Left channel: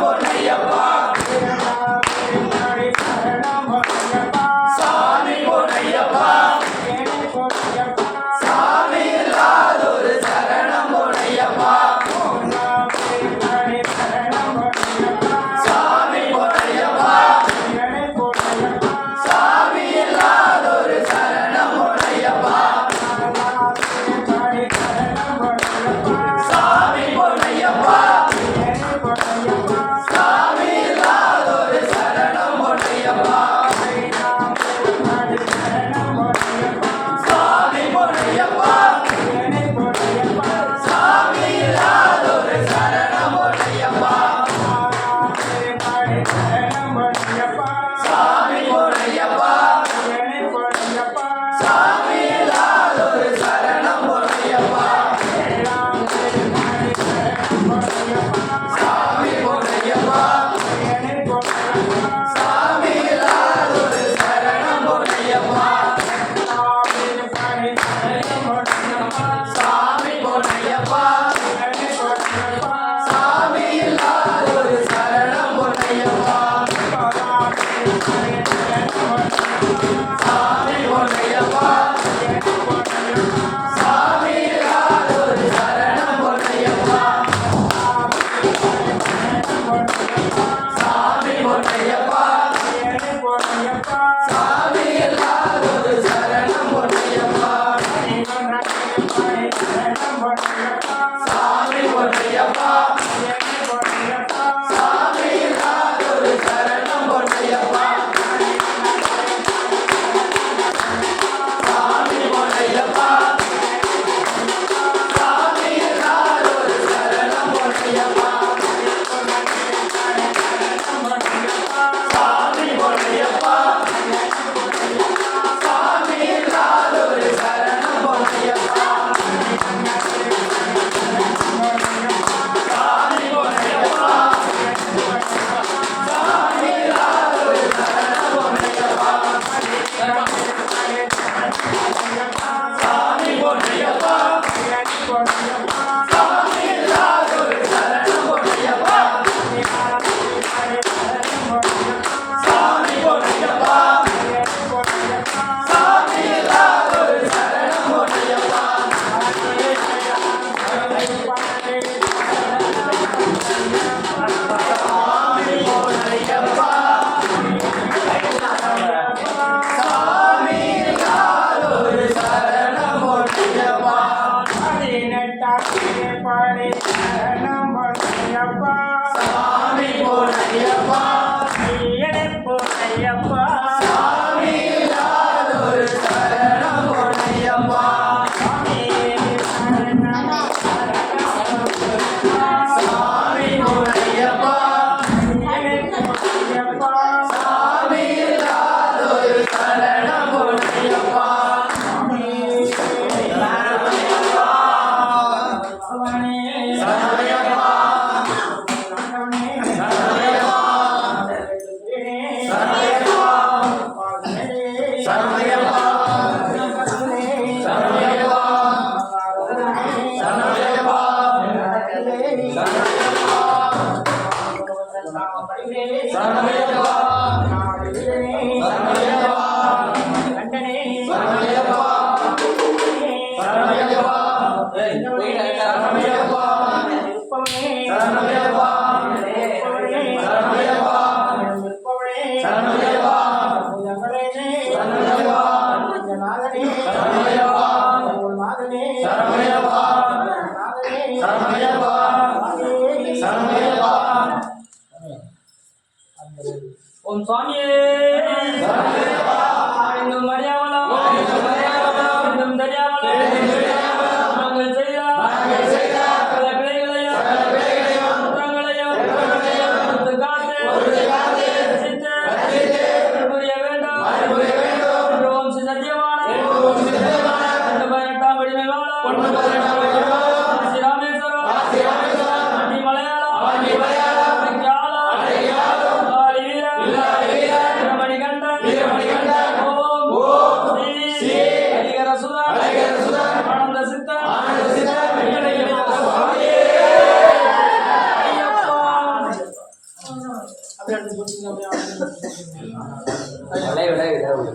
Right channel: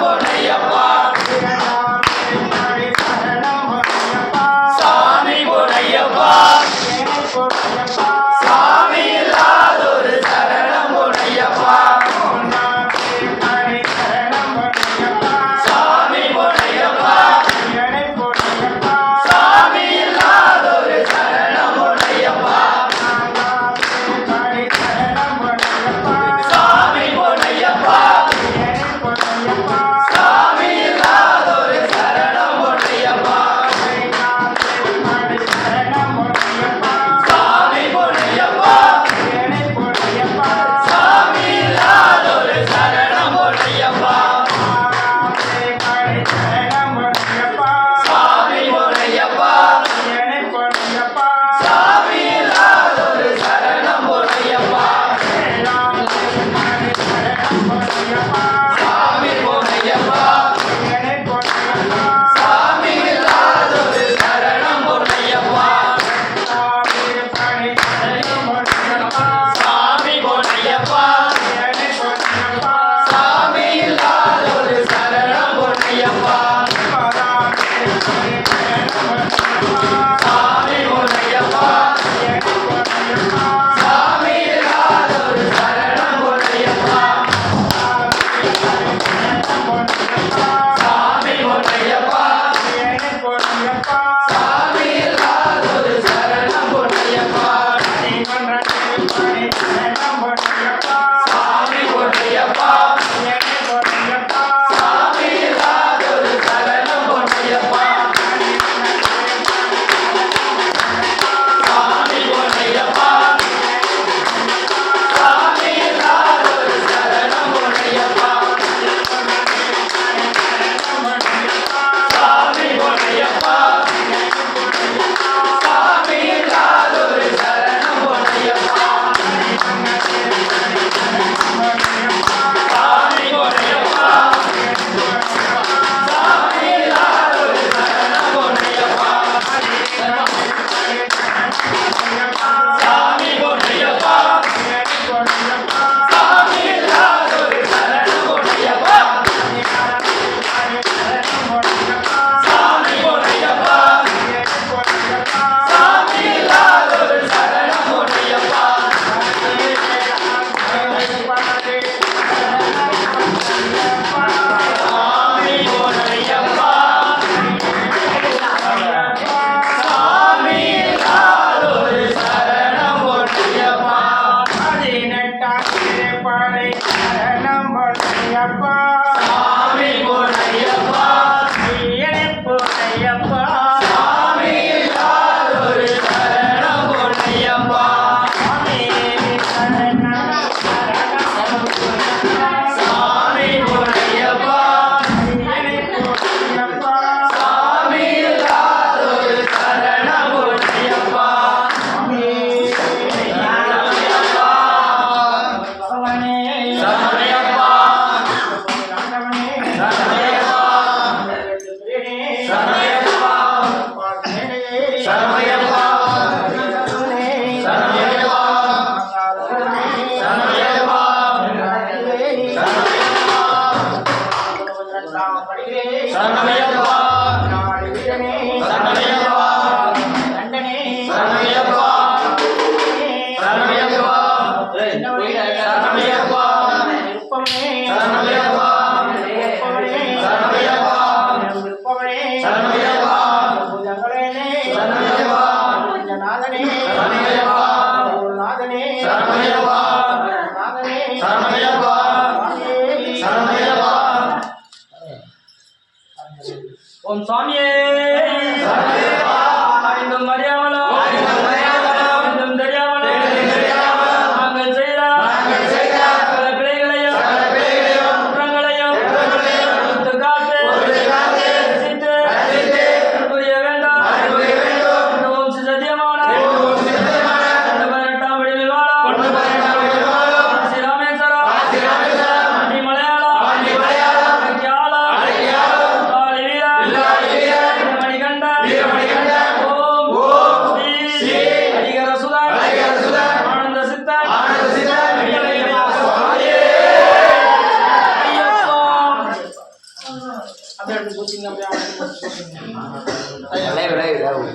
போனையப்பா Sangha Bhava. ஓம் சாமியே என்னும் மரியாதை